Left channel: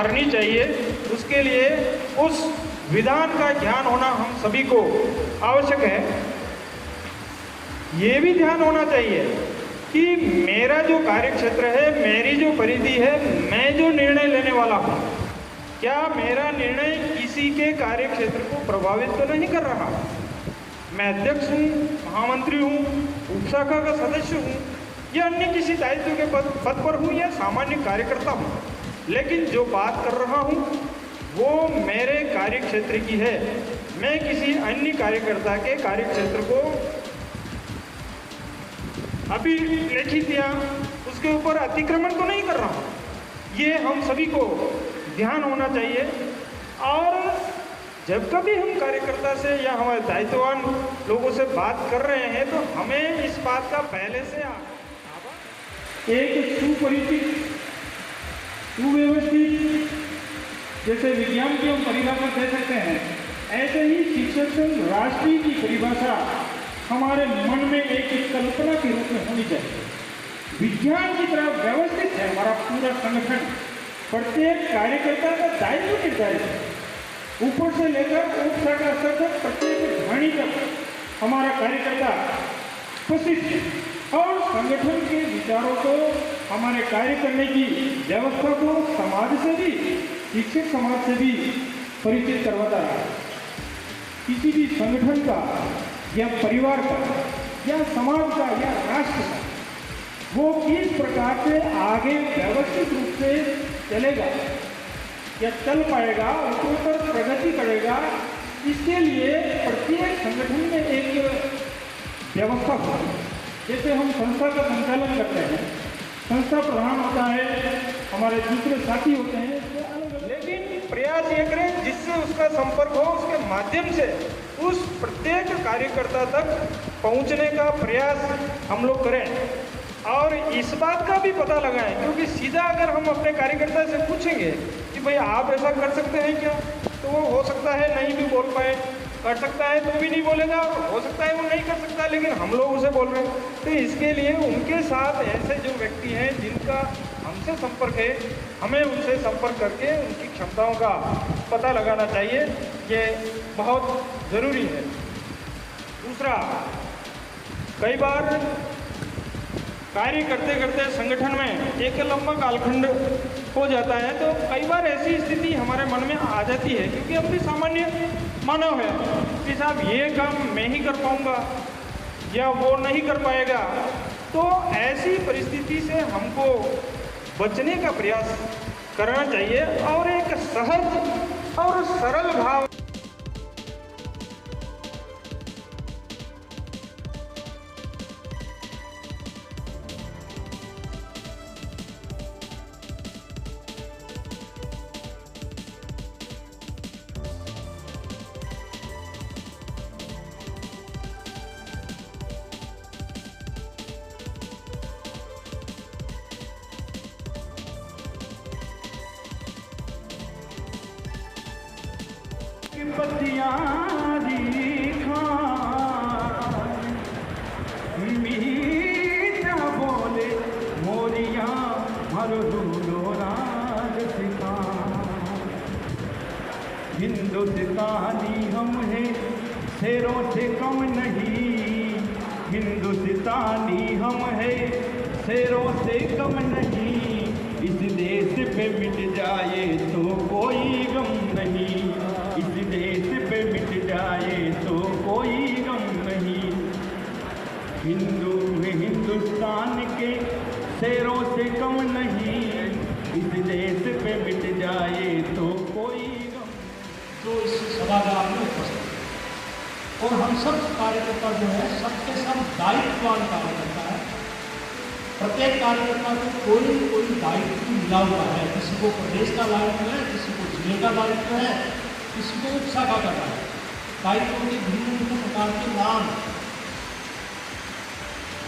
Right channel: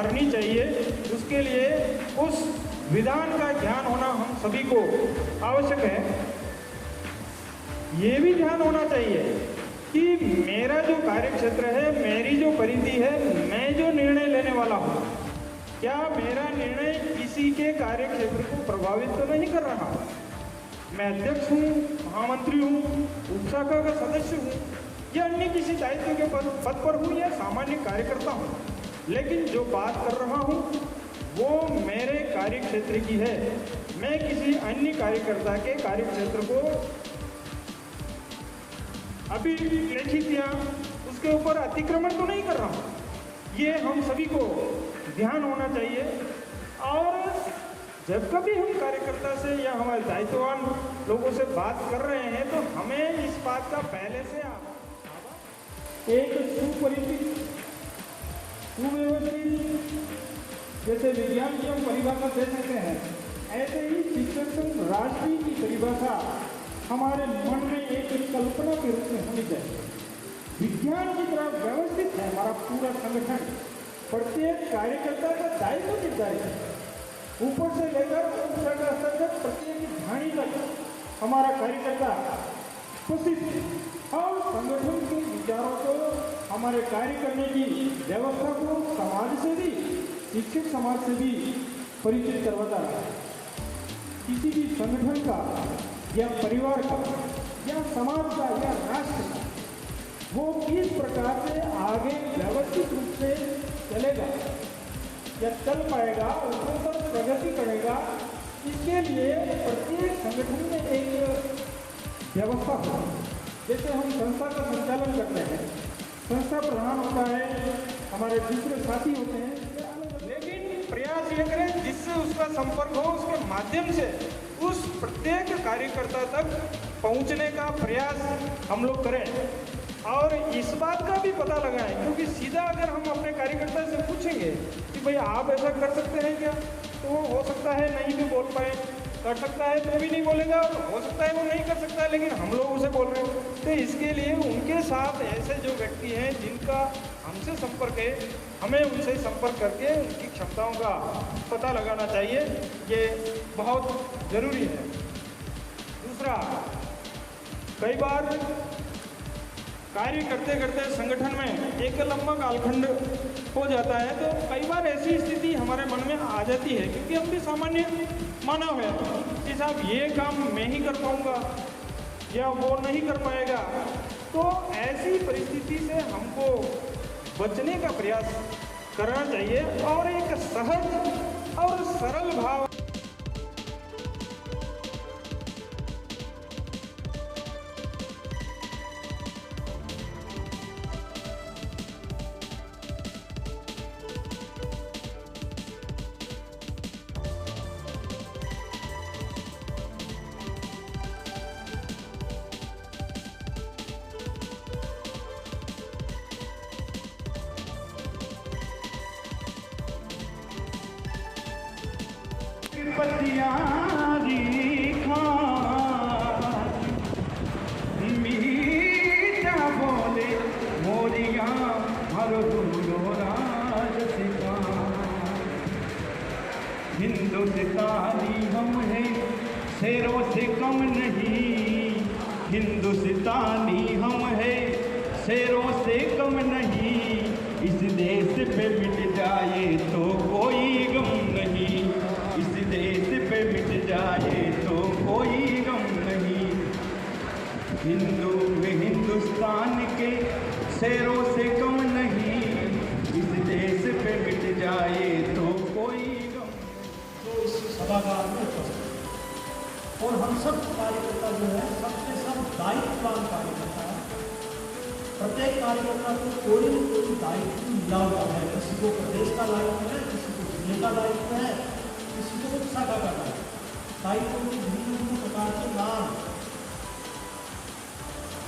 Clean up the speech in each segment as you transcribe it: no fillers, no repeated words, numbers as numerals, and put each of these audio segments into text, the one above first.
करनी चाहिए, उसके लिए उस विधान का ज्ञान होना हम सभी को आवश्यक है। ये भी ध्यान होना चाहिए कि मेरा जो कार्यक्षेत्र है, मेरी जो परिधि है, मैं जो निर्णय लेने वाला हूँ, क्या मेरा निर्णय किसी के कार्यक्षेत्र को प्रभावित तो नहीं कर रहा। मैं अध्यक्ष हूँ, महामंत्री हूँ, उपशाखा का सदस्य हूँ या अन्य किसी दायित्व के पद पर हूँ या सामान्य कार्यकर्ता हूँ, लेकिन जो बात कर रहा हूँ वो मेरे कार्यक्षेत्र की है। मैं किसी अन्य कार्यकर्ता के कार्यक्षेत्र को अभी लिखित या उसके ऊपर अतिक्रमण तो नहीं कर रहा हूँ। ये हम सभी को ध्यान होना चाहिए। और जब कभी हम कार्यकर्ता से या हमारे दायित्ववान लोगों से बात कर रहे हैं तो हमें इस बात का पहले से एक सुपरिचित, सुव्यवस्थित, जैसे विज्ञान की हम परिभाषा दे सकते हैं, ऐसे ही शिक्षक राष्ट्रीय की परिभाषा हमारे मन में एक कल्पना के रूप में होनी चाहिए। विज्ञान की तरह व्यवस्थित है हमारा पूरा संगठन, प्रत्येक कार्यकर्ता का दायित्व निर्धारित है, ऊपर से लेकर उपशाखा स्तर तक प्रत्येक घाणी तक हमारा कार्यकर्ता उपस्थित है और संगठन के विचारों को, हमारे कार्य करने की व्यवस्था को समाज से भी, शिक्षक समाज से भी परिचित करवाता है। किसी भी संगठन का या परिवार का या समाज का या राष्ट्र का वो किस प्रकार से आगे व्यवस्थित रूप से चलेगा या चल पाएगा, उसके ऊपर प्रगति करेगा, इसके लिए प्रत्येक संगठन में एक व्यवस्था हो। जैसे हम संस्था का संचालन करते हैं, संस्था प्रधान होता है, हमारे दूसरे साथी होते हैं, लेकिन प्रयास ये करें जिससे उसका संपर्क हो, उसके माध्यम से उस प्रत्येक कार्यकर्ता तक पहुंचने का प्रयास हम लोग करें और इस बात का भी पता लगाएं। क्योंकि सीधा अगर हम अपने कार्यकर्ता से पूछेंगे कि भाई आप ऐसा कर सकते हैं क्या, तो वो हो सकता है नहीं भी बोल पाए, कर सकता है तो भी नहीं बोलेगा और हो सकता है वो नहीं कर सकता, लेकिन हम लोग उसे बोल रहे हैं। तो इसके लिए उनके साथ ऐसे जो व्यक्ति हैं जिनका हमसे संपर्क है, हमें उनसे संपर्क करके उनकी क्षमताओं का पता लगाना चाहिए, ये बहुत ज़रूरी है। दूसरा, कई बार कार्य करते करते संगठन में एक लंबा कालखंड हो जाता है, तो कई बार ऐसी स्थिति हमारे मन में आ जाती है, क्योंकि हम भी सामान्य मानव है कि साहब ये काम मैं ही कर पाऊंगा या वो नहीं कर पाएगा। तो ऐसी परिस्थिति से हमको बचने का प्रयास करना चाहिए और एक सहज और सरल भाव मीठा बोले मोरिया हिंदुस्तानी हम हैं, शेरों से कम नहीं, हिंदुस्तानी हम हैं, शेरों से कम नहीं। इस देश पे मिट जाए तो कोई गम नहीं, इस देश पे मिट जाए तो कोई गम नहीं। हिंदू हिंदुस्तान के शेरों से कम नहीं, इस देश पे मिट जाए तो कोई गम। तो इस सभागार में उपस्थित और हम सब कार्यकर्ता जो है सबके सब दायित्ववान कार्यकर्ता है। प्रत्येक कार्यकर्ता को कोई कोई दायित्व मिला हुआ है, किसी को प्रदेश का दायित्व है, किसी को जिले का दायित्व है, किसी को उपशाखा का दायित्व के भिन्न भिन्न प्रकार के नाम।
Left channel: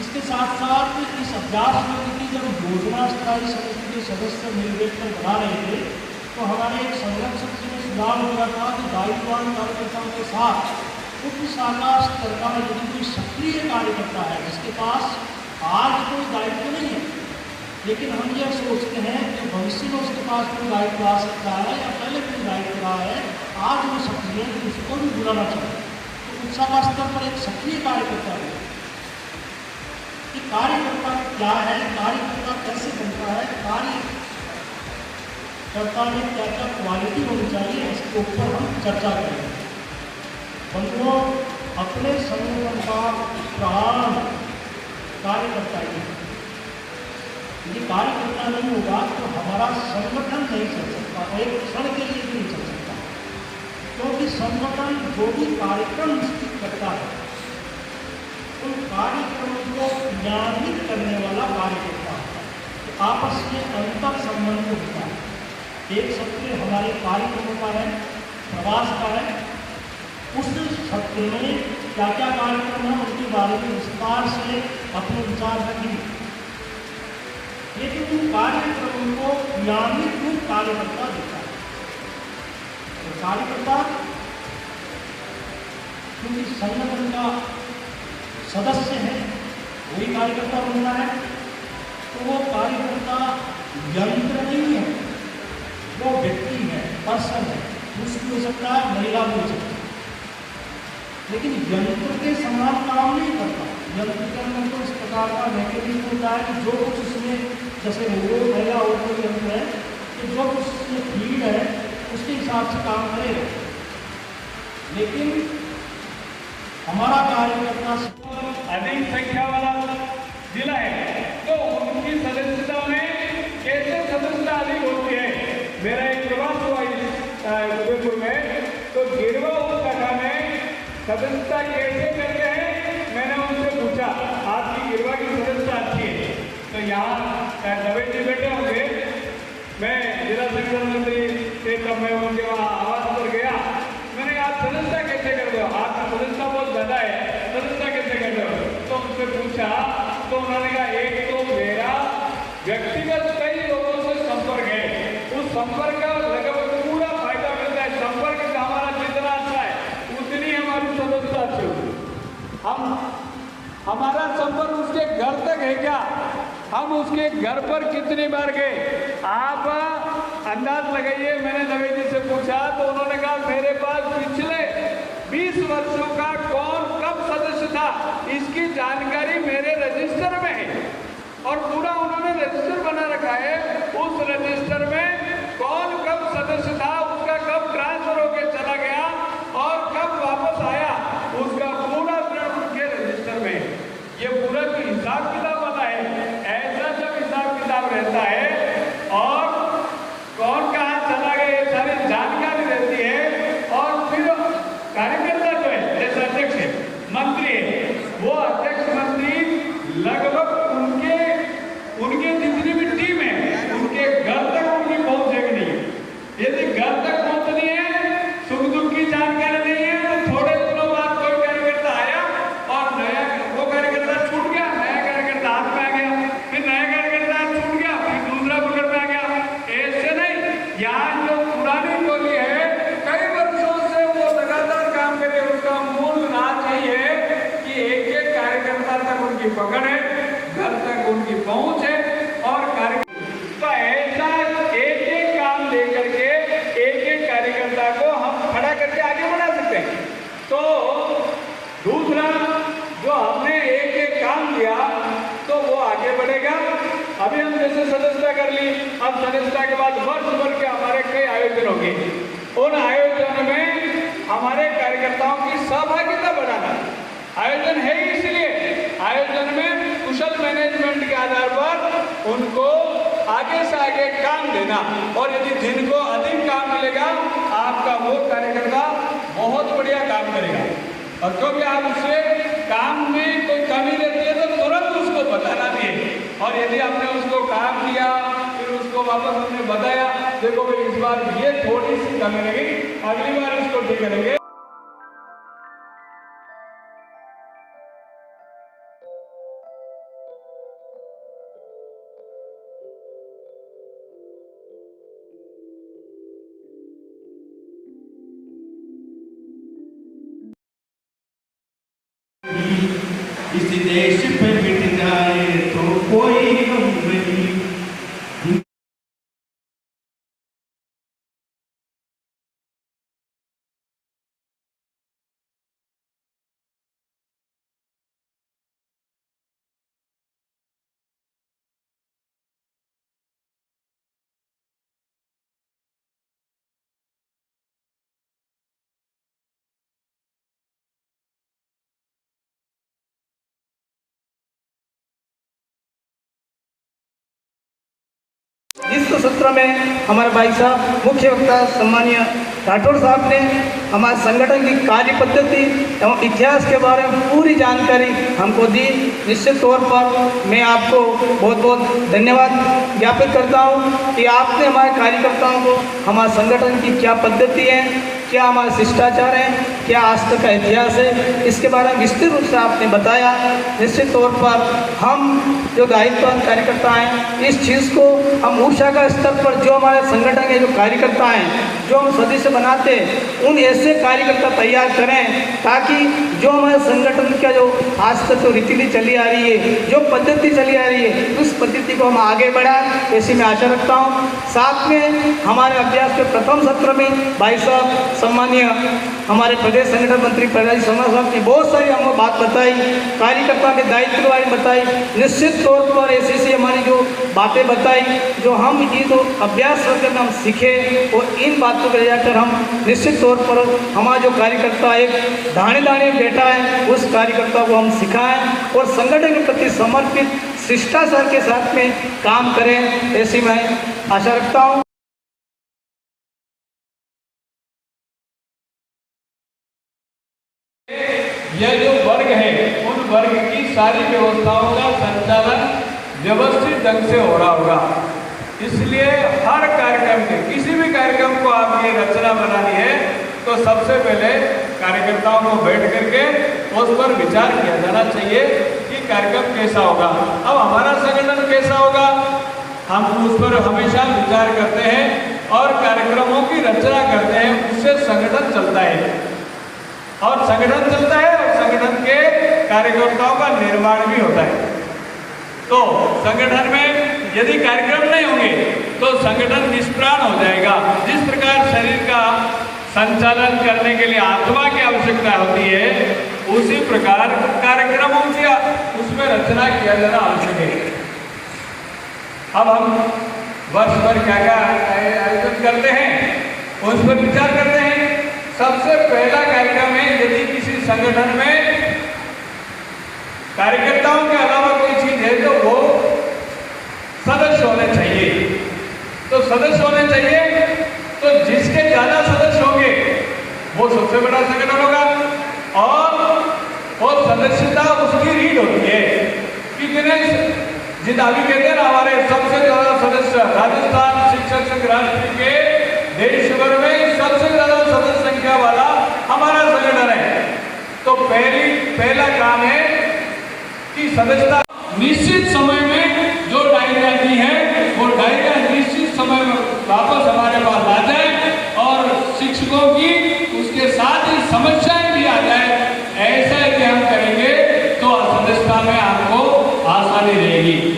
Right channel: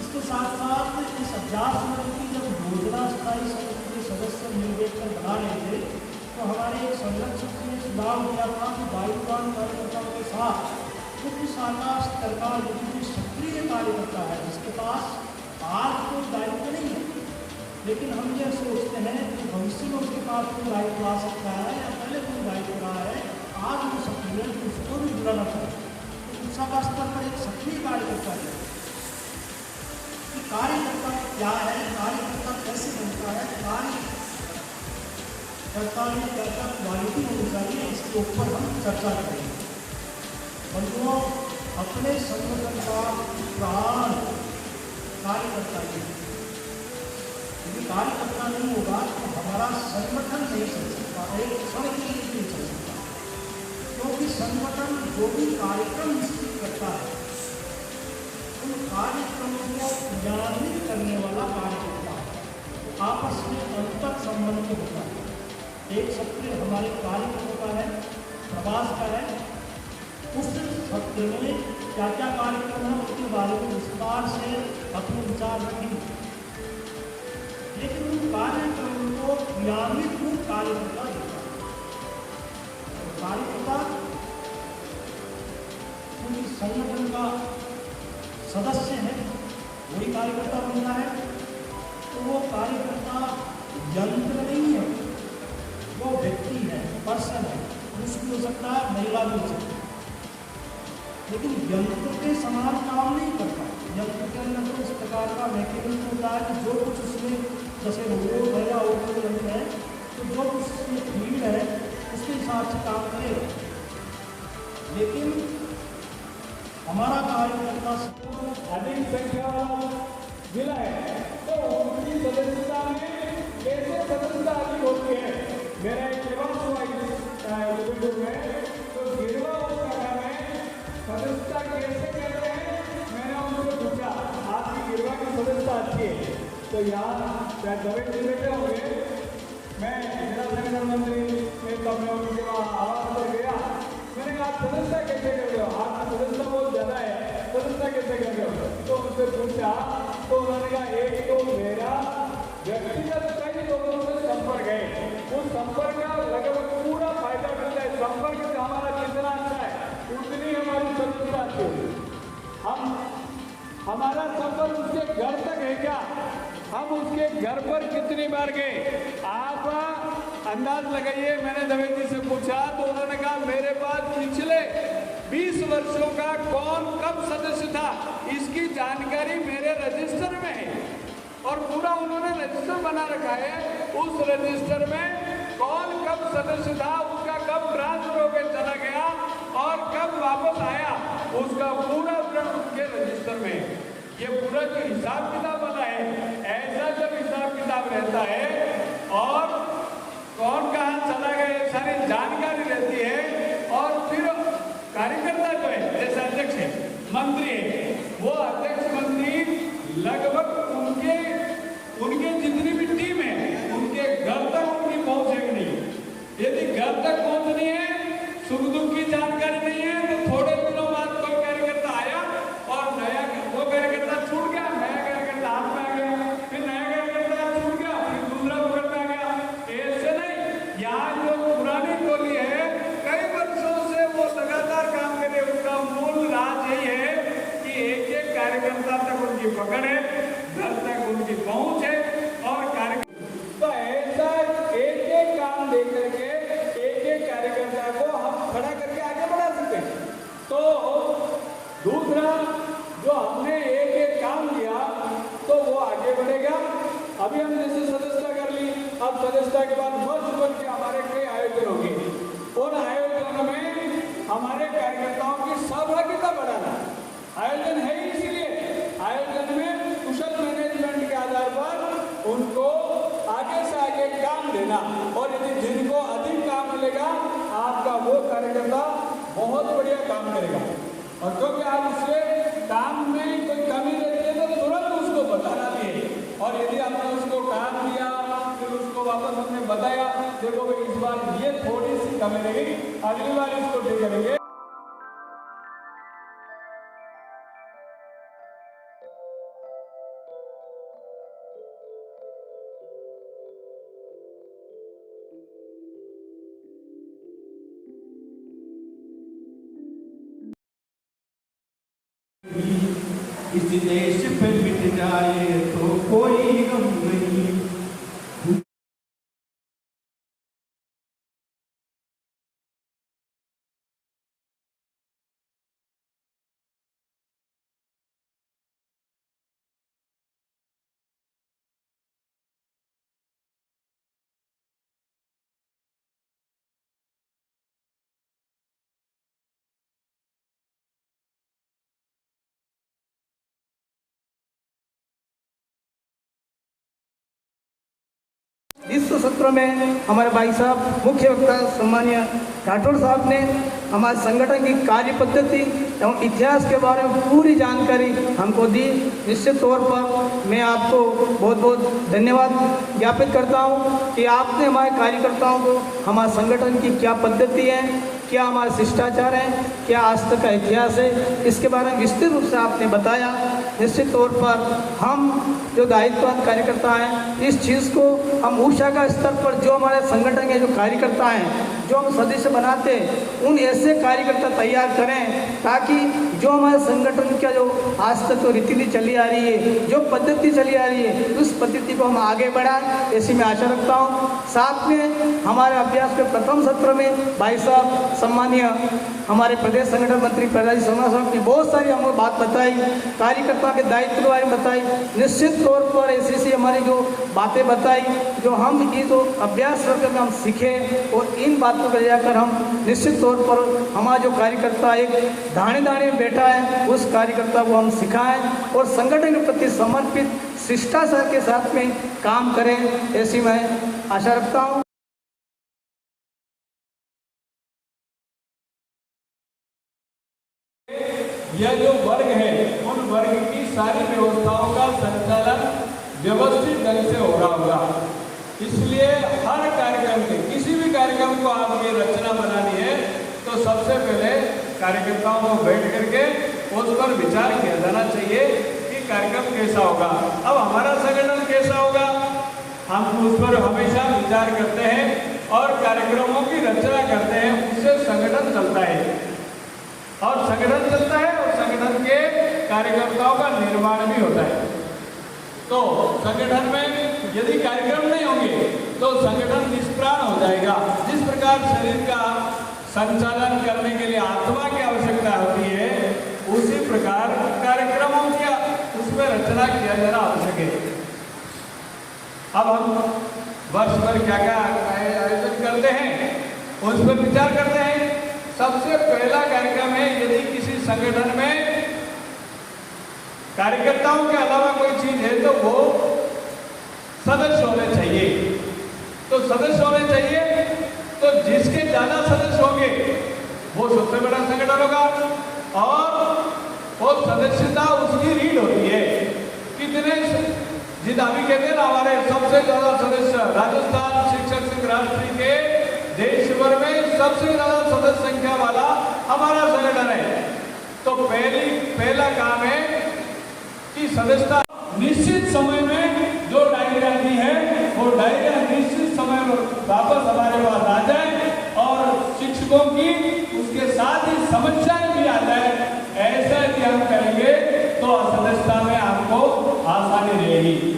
इसके साथ साथ इस अभ्यास वर्ग की जब योजना स्थायी समिति के सदस्य निर्देशन बना रहे थे तो हमारे एक संरक्षक से सुझाव मिला था कि दायित्ववान कार्यकर्ताओं के साथ उप शाखा स्तर का यदि कोई सक्रिय कार्यकर्ता है जिसके पास आज कोई दायित्व नहीं है, लेकिन हम ये सोचते हैं कि भविष्य में उसके पास कोई दायित्व आ सकता है या पहले कोई दायित्व रहा है, आज वो सक्रिय उसको भी बुलाना चाहिए। तो उच्च स्तर पर एक सक्रिय कार्यकर्ता है कि कार्यकर्ता क्या है, कार्यकर्ता कैसे बनता है, कार्यकर्ता में क्या क्या क्वालिटी होनी चाहिए, इसके ऊपर हम चर्चा करेंगे। हमको अपने संगठन का प्राण कार्यकर्ता है। यदि कार्यकर्ता नहीं होगा तो हमारा संगठन नहीं चल सकता, एक क्षण के लिए नहीं चल सकता, क्योंकि संगठन जो भी कार्यक्रम निश्चित करता है उन कार्यक्रमों को क्रियान्वित करने वाला कार्यकर्ता आपस में अंतर संबंध होता है। एक सत्य हमारे कार्यक्रम का है, प्रवास का है, उस सत्य में क्या क्या कार्यक्रम है उनके बारे में विस्तार से अपने विचार रखेंगे, लेकिन उन कार्यक्रमों को क्रियान्वित रूप कार्यकर्ता देता है। कार्यकर्ता क्योंकि संगठन का सदस्य है, वही कार्यकर्ता बनता है, तो वो कार्यकर्ता यंत्र नहीं है, वो व्यक्ति है, पर्सन है, पुरुष भी हो सकता है, महिला भी हो सकता है, लेकिन यंत्र के समान काम नहीं करता। यंत्र के अंदर तो इस प्रकार का मैकेनिज्म होता है कि जो कुछ उसमें, जैसे रोबोट है या और कोई यंत्र है, तो जो कुछ उसमें फील्ड है उसके हिसाब से काम करेगा। लेकिन हमारा कार्यकर्ता अधिक संख्या वाला जिला है तो उनकी सदस्यता में कैसे सदस्यता अधिक होती है। मेरा एक प्रवास हुआ में तो गिरवा उपशाखा में सदस्यता कैसे करते हैं, मैंने उनसे पूछा। आपकी गिरवा की सदस्यता अच्छी है तो यहाँ दवे जी बैठे होंगे, मैं जिला संगठन मंत्री थे तब मैं उनके वहाँ आवास पर गया। मैंने कहा आप सदस्यता कैसे करते हो, आपकी सदस्यता बहुत ज़्यादा है, सदस्यता कैसे करते हो। तो उनसे पूछा तो उन्होंने कहा एक तो मेरा व्यक्तिगत कई लोगों से संपर्क है, उस संपर्क का लगभग पूरा फायदा मिलता है। संपर्क से हमारा जितना अच्छा है उतनी हमारी सदस्यता अच्छी होगी। हमारा संपर्क उसके घर तक है क्या, हम उसके घर पर कितनी बार गए, आप अंदाज लगाइए। मैंने दवे जी से पूछा तो उन्होंने कहा मेरे पास पिछले 20 वर्षों का कौन कब सदस्य था इसकी जानकारी मेरे रजिस्टर में है, और पूरा उन्होंने रजिस्टर बना रखा है। उस रजिस्टर में कौन कब सदस्य था, उसका कब ट्रांसफर होकर चला गया और कब वापस आया, उसका पूरा विवरण उनके रजिस्टर में। ये पूरा की हिसाब किताब वाला है। ऐसा जब हिसाब किताब रहता है और कौन कहाँ चला गया ये सारी जानकारी रहती है, और फिर कार्यकर्ता जो है जैसे अध्यक्ष है, मंत्री है, वो अध्यक्ष मंत्री लगभग उनके जितनी भी टीम है उनके घर तक उनकी पहुंचेगी नहीं। यदि घर तक पहुंचनी है, सुख दुख की जानकारी नहीं है, तो थोड़े दिनों बाद कोई कार्यकर्ता आया और नया वो कार्यकर्ता छूट गया, नया कार्यकर्ता हाथ में आ गया, फिर नया कार्यकर्ता छूट गया, फिर दूसरा पकड़ में आ गया। ऐसे नहीं, यहाँ जो पुरानी टोली है कई वर्षों से वो लगातार काम करके उसका मूल राज यही है कि एक एक कार्यकर्ता तक उनकी पकड़ है, घर तक उनकी पहुंच है, और तो ऐसा एक एक काम लेकर के एक एक कार्यकर्ता को हम खड़ा करके आगे बढ़ा सकते हैं। तो दूसरा जो हमने एक एक काम लिया तो वो आगे बढ़ेगा। अभी हम जैसे सदस्यता कर ली, अब सदस्यता के बाद वर्ष भर के हमारे कई आयोजन होंगे, उन आयोजनों में हमारे कार्यकर्ताओं की सहभागिता बढ़ाना। आयोजन है इसलिए आयोजन में कुशल मैनेजमेंट के आधार पर उनको आगे से आगे काम देना, और यदि जिनको अधिक काम मिलेगा आपका वो कार्यकर्ता बहुत बढ़िया काम करेगा। और क्योंकि आप उससे काम में कोई कमी रहती है तो तुरंत उसको बताना भी है, और यदि आपने उसको काम दिया फिर उसको वापस हमने बताया, देखो भाई इस बार ये थोड़ी सी कमी रहेगी, अगली बार इसको ठीक करेंगे। इस देश पे मिट जाए तो कोई गम नहीं, इस सत्र में हमारे भाई साहब मुख्य वक्ता सम्मानीय राठौड़ साहब ने हमारे संगठन की कार्य पद्धति एवं इतिहास के बारे में पूरी जानकारी हमको दी। निश्चित तौर पर मैं आपको बहुत बहुत धन्यवाद ज्ञापित करता हूं कि आपने हमारे कार्यकर्ताओं को हमारे संगठन की क्या पद्धति है, क्या हमारे शिष्टाचार हैं, क्या आज तक का इतिहास है, इसके बारे में विस्तृत रूप से आपने बताया। निश्चित तौर पर हम जो दायित्ववान कार्यकर्ता हैं, इस चीज़ को हम ऊर्जा का स्तर पर जो हमारे संगठन के जो कार्यकर्ता हैं, जो हम सदस्य बनाते हैं, उन ऐसे कार्यकर्ता तैयार करें ताकि जो हमारे संगठन का जो आज तक जो रीति चली आ रही है, जो पद्धति चली आ रही है, उस पद्धति को हम आगे बढ़ाएं, ऐसी मैं आशा रखता हूँ। साथ में हमारे अभ्यास के प्रथम सत्र में भाई साहब सम्मानीय हमारे प्रदेश संगठन मंत्री प्रहलाद सोना साहब की बहुत सारी हमको बात बताई, कार्यकर्ता के दायित्व के बारे में बताई। निश्चित तौर पर ऐसी हमारी जो बातें बताई, जो हम ये जो अभ्यास सत्र में हम सीखे और इन बातों को ले जाकर हम निश्चित तौर पर हमारा जो कार्यकर्ता एक दाने दाने बैठा है, उस कार्यकर्ता को हम सिखाएं और संगठन के प्रति समर्पित शिष्टाचार के साथ में काम करें, ऐसी मैं आशा रखता हूँ। यह जो वर्ग है, उन वर्ग की सारी व्यवस्थाओं का संचालन व्यवस्थित ढंग से हो रहा होगा। इसलिए हर कार्यक्रम के, किसी भी कार्यक्रम को आपकी रचना बनानी है तो सबसे पहले कार्यकर्ताओं को बैठ करके उस पर विचार किया जाना चाहिए कि कार्यक्रम कैसा होगा। अब हमारा संगठन कैसा होगा, हम उस पर हमेशा विचार करते हैं और कार्यक्रमों की रचना करते हैं। उससे संगठन चलता है और संगठन चलता है और संगठन के कार्यकर्ताओं का निर्माण भी होता है। तो संगठन में यदि कार्यक्रम नहीं होंगे तो संगठन निष्प्राण हो जाएगा। जिस प्रकार शरीर का संचालन करने के लिए आत्मा की आवश्यकता होती है, उसी प्रकार कार्यक्रमों की उसमें रचना किया जाना आवश्यक है। अब हम वर्ष भर क्या क्या आयोजन करते हैं, उस पर विचार करते हैं। सबसे पहला कार्यक्रम है, यदि किसी संगठन में कार्यकर्ताओं के अलावा कोई चीज है तो वो सदस्य होने चाहिए। तो सदस्य होने चाहिए, तो जिसके ज्यादा सदस्य होंगे वो सबसे बड़ा संगठन होगा और वो सदस्यता उसकी रीड होती है। कितने जितना अभी कहते हैं ना, हमारे सबसे ज्यादा सदस्य राजस्थान शिक्षक संघ राष्ट्रीय के देश भर में सबसे ज्यादा सदस्य संख्या वाला हमारा संगठन है। तो पहला काम है कि सदस्यता निश्चित समय में जो डायरिया दी है वो डायरिया निश्चित समय में वापस हमारे पास आ जाए और शिक्षकों की उसके साथ ही समस्याएं भी आ जाए। ऐसा यदि हम करेंगे तो सदस्यता में आपको आसानी रहेगी।